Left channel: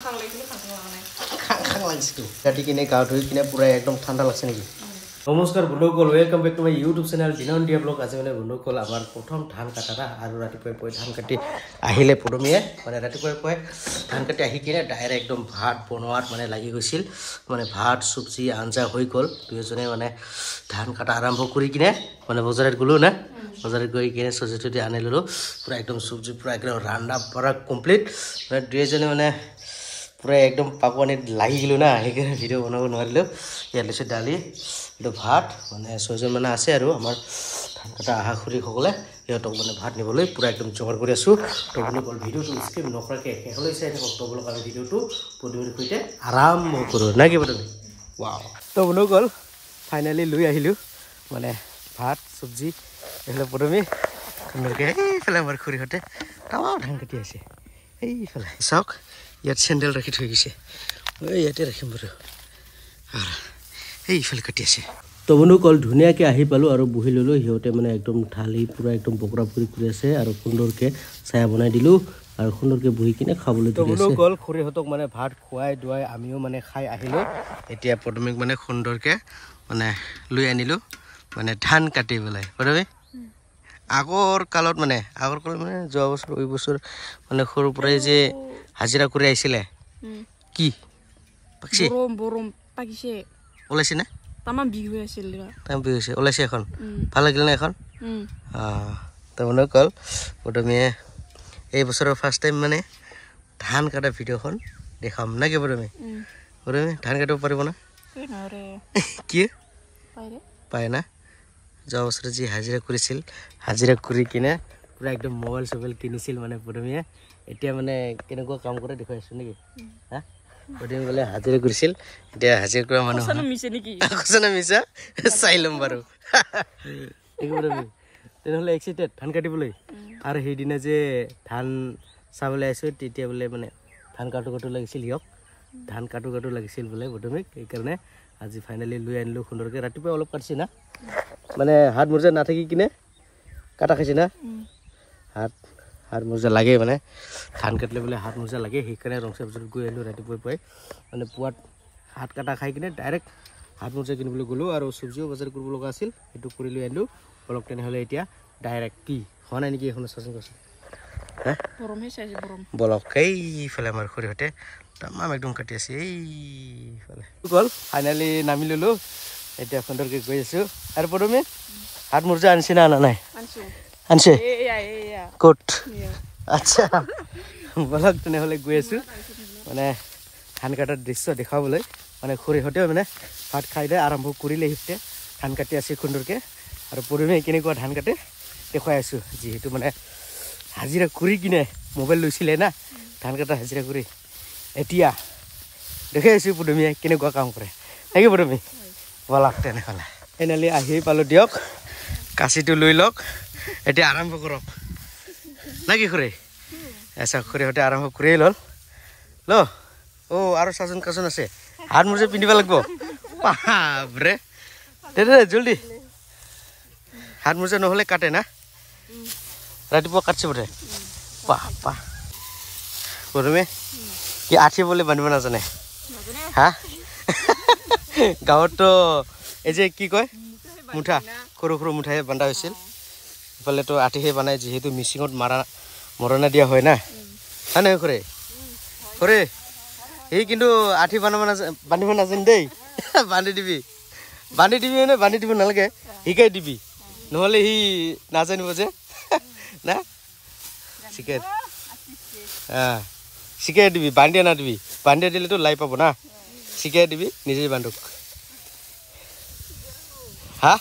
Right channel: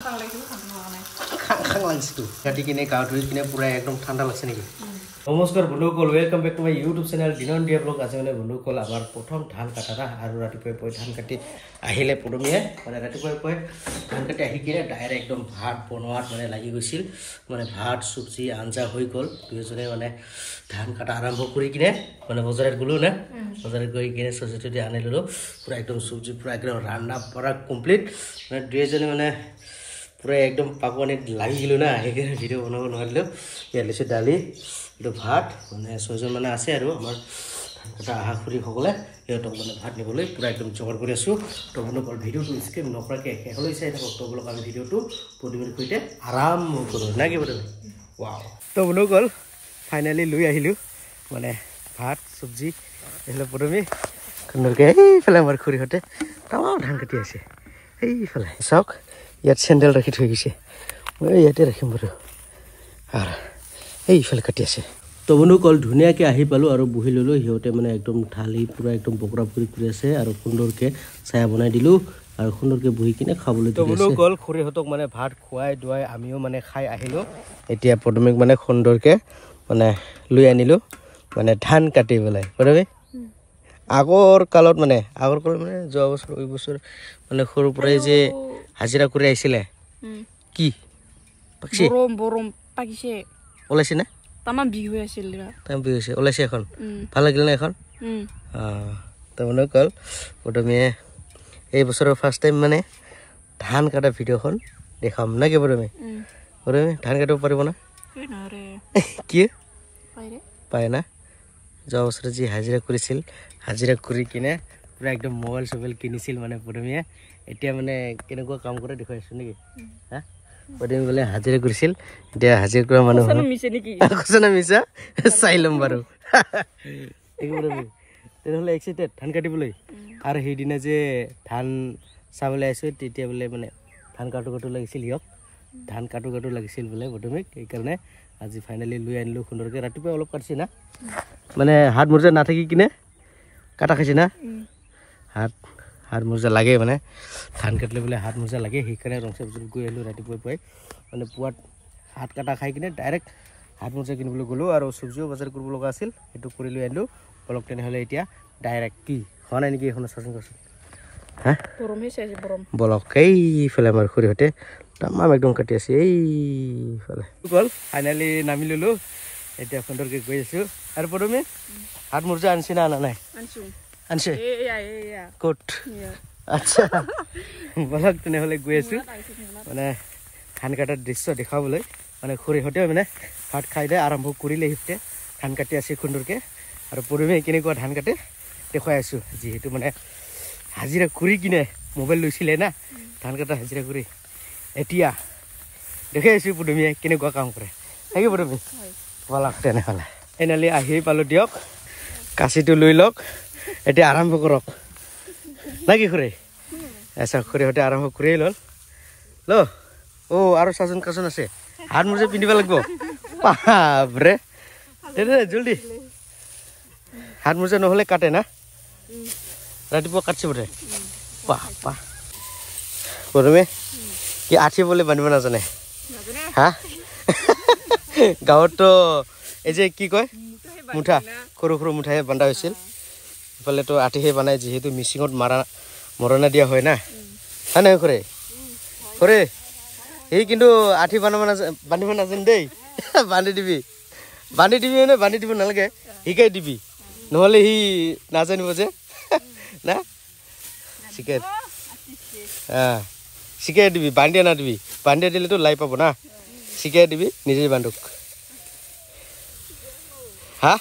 খাং লাগিছে তো কাটি কিনে গাও ধুই কিনে পুৰা একদম ঠান্ডা লাগছে নাকি নমস্কাৰ বন্ধুসকল welcome back to my YouTube channel দিনন দিয়া ব্লগ আছে মানে বন্ধুসকল আমাৰ প্ৰথম ধান কাটা আৰু ৰাতিপুৱাই ধান কাটি আহিলে পদমিয়ে মানে ৰাতিপুৱাই ধান কাটি আহি কিনে ডাইৰেক্ট একদম ভাত বনোৱাত মানে লাগি গৈছিল মানে ভাত সবজি আঞ্জা হৈ গল দুজনে মানে ধান কাটা আৰম্ভ কৰি কিনে মানে বজাৰত গলো না বজাৰত গৈ কিনে সবজি আনি ললো পুৰা একদম সবজি পুৰা একদম ৰান্না পৰা কমপ্লিট মানে দুজনে মানে পুৰা একদম পাকোয়ানি লাগি গেল না সেইকাৰণে ভিডিও বনাব নোৱাৰিলো ইয়াত লৈছে দালি আৰু ভাত মানে 6 জন মানে আছে আৰু আমাৰ ধান কাটা আহা খুৰী সকলে ইহঁতক মানে ভাত নিবলৈ পুৰা একদম জোগাৰ কৰি আছো তো বন্ধুসকল ভিডিওটো স্কিপ নকৰাকৈ শেষলৈ চাই থাকক তো বলক আমি ভিডিওটো পদমিৰ সৈতে আৰম্ভ কৰোঁ না কি বন্ধু ওয়াও তো বন্ধুসকল ফাইনালি লৈ আহিলো মানে ভাত সবজি এফালে পদমি সুন্দৰকৈ এইফালে আমাৰ খুৰীহঁতে তামাম ধান কাটি আছে এইফালে চাওক ইয়াত চেণ্ডেল ৰাখি থৈ গৈছে মই ইয়াতে ৰাখিম বাৰু আৰু এইফালে কাটি আছে তো বন্ধুসকল ধুনীয়াকৈ আহি পালোঁ আৰু বহি ল'লোঁ সিহঁতে মানে একদম ঢালি পুৰা একদম বকৰা ফুৰি কৰি আছে আৰু সুন্দৰকৈ ছায়া বনাই দিলোঁ আৰু সুন্দৰকৈ বহি কিনে খাবলৈ দিলোঁ বন্ধুসকল খুৰীহঁতক মানে ভাত খুৱাই দুৱাই আমিও মানে খাই আহিলোঁ এতিয়া পদমিক মানে সুন্দৰকৈ মানে লৈ আনিলোঁ মানে ধান কাটিবলৈ পদমি আগৰ কালত মানে যোৱা বছৰ এই বছৰ মানে সৰু পৰাই যে হাজিৰা কৰি আহিছিলে কি পাকিছে বৰম পাকিছে ওলাইছে না তামাম বিহু আছিল তামাম বিহু হৈছে ওলাইছে এখন ভাল লাগিল না এখন তো মনে কল পদমিয়ে এই বছৰৰ ফাৰ্ষ্ট টাইম মানে ধান কাটা ভিডিঅ'খন দেখাম না কি পদমি ধান কাটিব পাৰিব না কি পায় না যোৱা বছৰে যি হাজিৰা কৰিছিল হাজিৰা কৰি কিনে পুৰা একদম মোবাইল চবাইল কিনিছিল মানে পদমিয়ে এতিয়া মানে কেনেকুৱা কাম কৰে দেখুৱাই আছো নেকি হা পদমি বোলে হাজিৰা কৰিছিল এতিয়া হাজিৰা কৰা মানুহ না মিছা চাই ল'ম বাৰু তেনেহ'লে এক্সাইটেড ধান কাটিবলৈ আৰু সেইদিনা যে ধান চাবলৈ আহিছোঁ তেতিয়া বোলে মানে ধান কাটো লাগিছিল সিহঁক ধান কাটো লাগিছিল বোলে পদমিক সেইকাৰণে আজি ফাইনেলি লৈ আনিলোঁ সুন্দৰকৈ ৰাতিপুৱা অলপ কাটিছে না মানে হাত মোজা নাথাকি কিনে কাটা খাইছে না হাত মোজা লাগে মানে ধান কাটিলে বোলে হাত মোজা লাগে সেইকাৰণে ৰংচা বজাৰত গৈ আহিলোঁ ৰাতিপুৱাই মানে পুৱাত হাত কাটা খাই কিনে ডাইৰেক্ট হাত মোজা কিনিবলৈ গ'লোঁ আৰু চব্জিও বজাৰ কৰিব লগা আছিল সেইটো কৰি লৈ আনিলোঁ বলক তেনেহ'লে এতিয়া ডাইৰেক্ট কি হোৱা নাই নেকি এখন চাচোন হা বলক এইফালে আমাৰ খুৰীহঁতে তামাম একদম কাটি আছে এইফালে গ'ল ফাইনেলি নামি ল'লোঁ এতিয়া সুন্দৰকৈ গৈ আছোঁ আৰু পদমি হাত মোজা আনিছে না আনা নাই আনছে ক'ত আচ্ছা বলক তেনেহ'লে গৈ আছোঁ মানে ধান কাটাৰ দৃশ্য দেখুৱাবলৈ মানে খুৰীহঁতেও মানে ভাত খাই দিয়ে আৰম্ভ কৰিলে সিহঁতে ধান কাটি আছে সুন্দৰকৈ আৰু পদমি কেনেকুৱা ধান কাটে দেখুৱাই আছোঁ যিহেতু মানে হাজিৰা কৰি কিনে মোবাইল লৈছিলে না ধান কাটা হাজিৰা কৰি এতিয়া দেখাই আছোঁ পদমিয়ে কেনেকুৱা কাম কৰে নেকি পদমি বলক তেনেহ'লে ফাইনেলি আহি পালোঁ দিয়ক কাঁচিটো লৈ লওক এতিয়া আৰম্ভ কৰক না কি খুৰী আচ্ছা খুৰীহঁতে আৰম্ভ কৰিয়ে ল'ল আৰু চাচোন কাচোন আছে হাত মোজা পিন্ধিব লাগিব বাপৰে তেনে জলদি হাত মোজা নহ'লে কাটে না ৰাতিপুৱা কাটছে বোধে বাপা পদমি কি আঠি বলে বান্ধিব নাজানে হা গাঁৱততো এই যে কি কয় মুঠা সৰু মুঠাহে বান্ধা হৈছিল ইফালেতো আঠিহে বনাই যিহেতু মিচিঙত মৰণা দিয়া হয় না হয় নহয় খুৰী সি কিন্তু আঠি বান্ধিব নাজানে দেই বান্ধি দিবি মানে বান্ধি দিব নালাগে শিকাই দিবি নহ'লে সি নাজানিব যে না শিকাই দিবি বান্ধিয়া নাদিবি বান্ধিয়া দিলেতো লাই পাব না শিকাই দিবি নিজে বান্ধক হা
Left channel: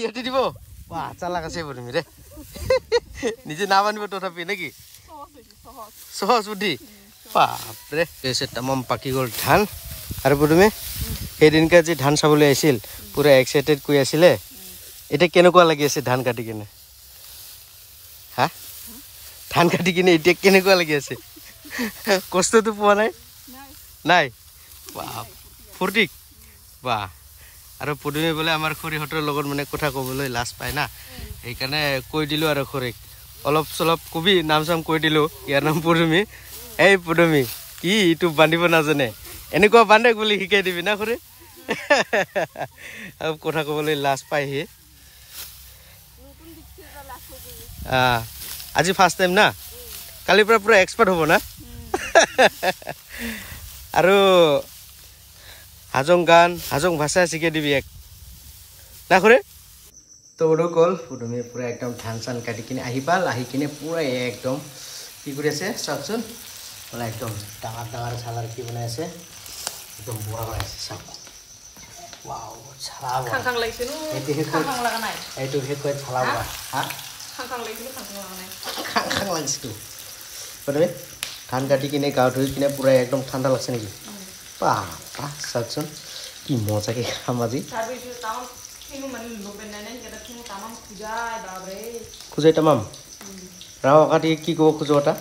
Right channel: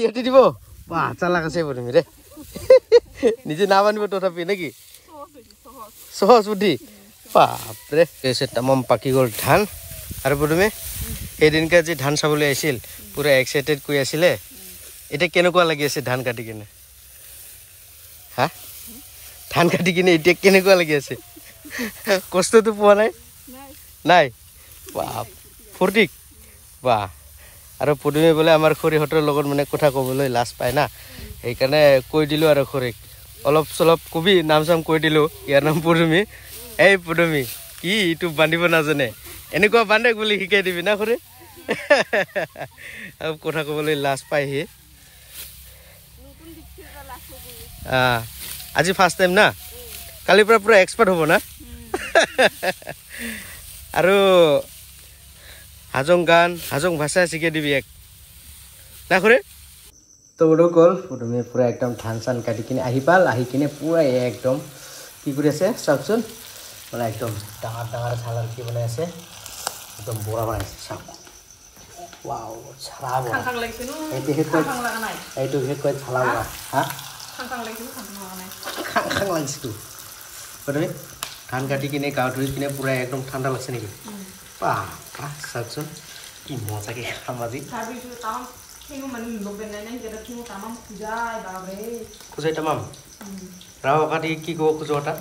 ইয়াতে দিব বা চালাক আছে পদমি ৰে নিজে নাবান্ধিব তথাপি নেকি সহজ বুদ্ধি বাপৰে তামাম পাকি গ'ল ধান আৰু পদমি সেইদিনকে যি ধান চাবলৈ আহিছিল পুৰা এক্সাইটেড কৰি আছিলে এতিয়া কেনেকুৱা লাগি আছে ধান কাটি কিনে হা ধান কাটি কিনে এতিয়া কেনেকুৱা লাগি আছে কষ্টটো পোৱা নাই বাপ ফূৰ্তি বাহ আৰু পদমি বোলে আমাৰ খুৰীহঁতৰ লগত মানে কথা ক'বলৈ লাজ পায় না সেইকাৰণে কৈ দিলোঁ আৰু খুৰীক অলপ চলপ কবি নাম চাম কৈ দিলোঁ ইয়াৰ নাম পদমি এই পদমি কি ইটো বান্ধিব নাজানে এনেকুৱা বান্ধে বুলি শিকাই দিবি না খুৰী আৰু কথা ক'বলৈ লাজ পাইহি আজি ফাৰ্ষ্ট টাইম না কালিৰ পৰা পুৰা এক্সপাৰ্ট হ'ব না আৰু হাজং গান হাজং ভাষা শিকাই দিবি এক না খুৰী তো বন্ধুসকল তুমি পুৰা একদম ধান চান কাটি কিনে আহি পাল আহি কিনে পুৰা একদম কি কৰি আছে চাওকচোন মানে একদম ডাঙৰ ডাঙৰ চালাৰ কি বনাই আছে একদম বৰা বনাইছে চাওক ওয়াও ছালা বৰা খাং লাগিছে নো এইটো হে কয় ছালা বৰা হা খাং লাগিছে নো খাং লাগিছে তো মানে ধান কাটি কিনে গাঁৱত ধুই কিনে পুৰা একদম ঠাণ্ডা লাগছে নেকি বাহ বাহ চাওকচোন কি মজাকে খাম আজি খুজাই তামাম ৰাও কাটি কি ক'ব খোজো এটা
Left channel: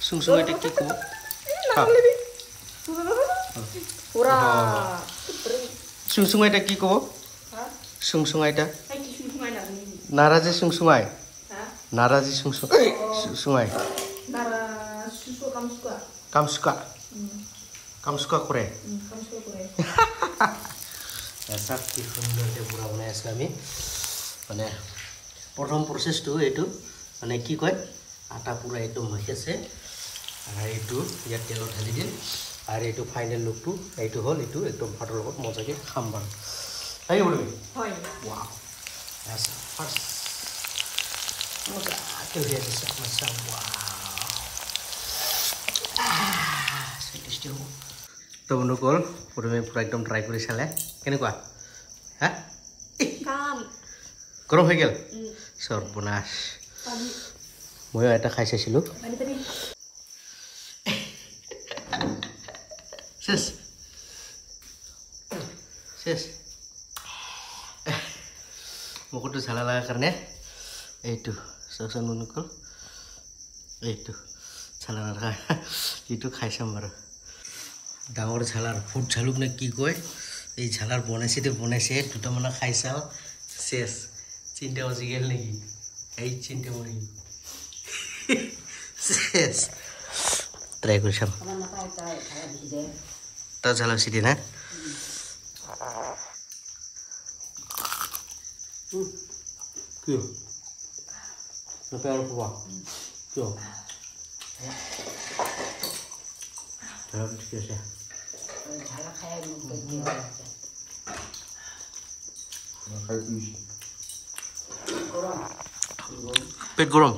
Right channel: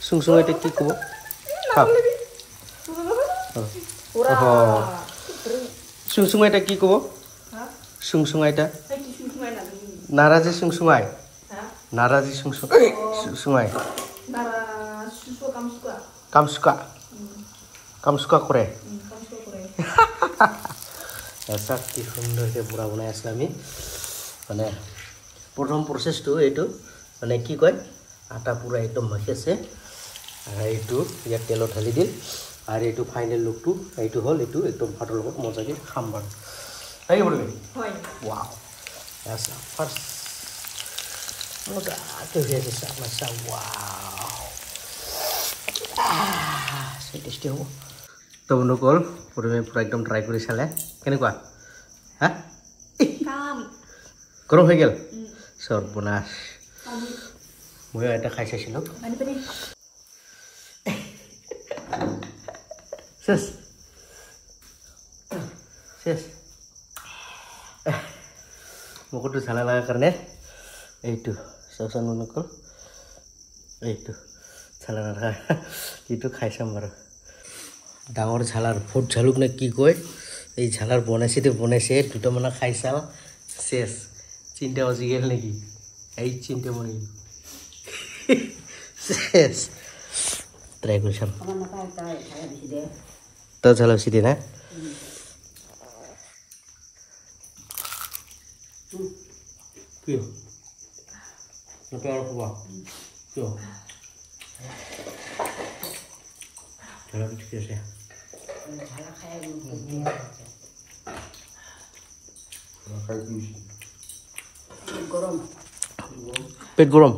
সুংসুঙাইটা কি ক'ব সুংসুঙাইটা কি ক'ব সুংসুঙাইটা নাৰাজি সুংসুঙাই নাৰাজি সুংসুঙাই কামসুকা কৰে চাক কি সুন্দৰকৈ বুঢ়া বনাই আছোঁ আমি মানে প্ৰথম প্ৰচেছটো এইটো মানে কি কয় আটা পুৰা একদম মাখি আছে আৰু এইটো ইয়াত তেলত ঢালি দিল আৰু এইটো ফাইনেল লুকটো এইটো হ'ল এইটো একদম ভাতৰ লগত মজাকৈ খাম বাৰু লাগিব তুমি ৱাও আচ্ছা ফাৰ্ষ্ট মজাকৈ হৈ আছে চাওক না চাওক ৱাও টেষ্টি হ'ব তো বন্ধুসকল প্ৰথমে পুৰা একদম ট্ৰাই কৰি চালে কেনেকুৱা হা গৰম হৈ গ'ল সৰ্বনাশ ময়ো এটা খাই চাইছিলোঁ শেষ শেষ মুখটো ঝালা লগাৰ কাৰণে এইটো চাওকচোন বন্ধুসকল এইটো ঝালা নথকা এইটো খাই চাম বাৰু ডাঙৰ ঝালাৰ ফুট ঝালুক নে কি কয় এই ঝালাৰ বনাইছে দুটামানে খাই চাল শেষ চিন্তা বাজি গ'ল নেকি এই চিন্তা মাৰি শেষ ট্ৰাই কৰি চাম তই ঝালা বেছি দিয়ে না কিয় নাপায় আৰু খোৱা কিয় ঠিক আছে পেট গৰম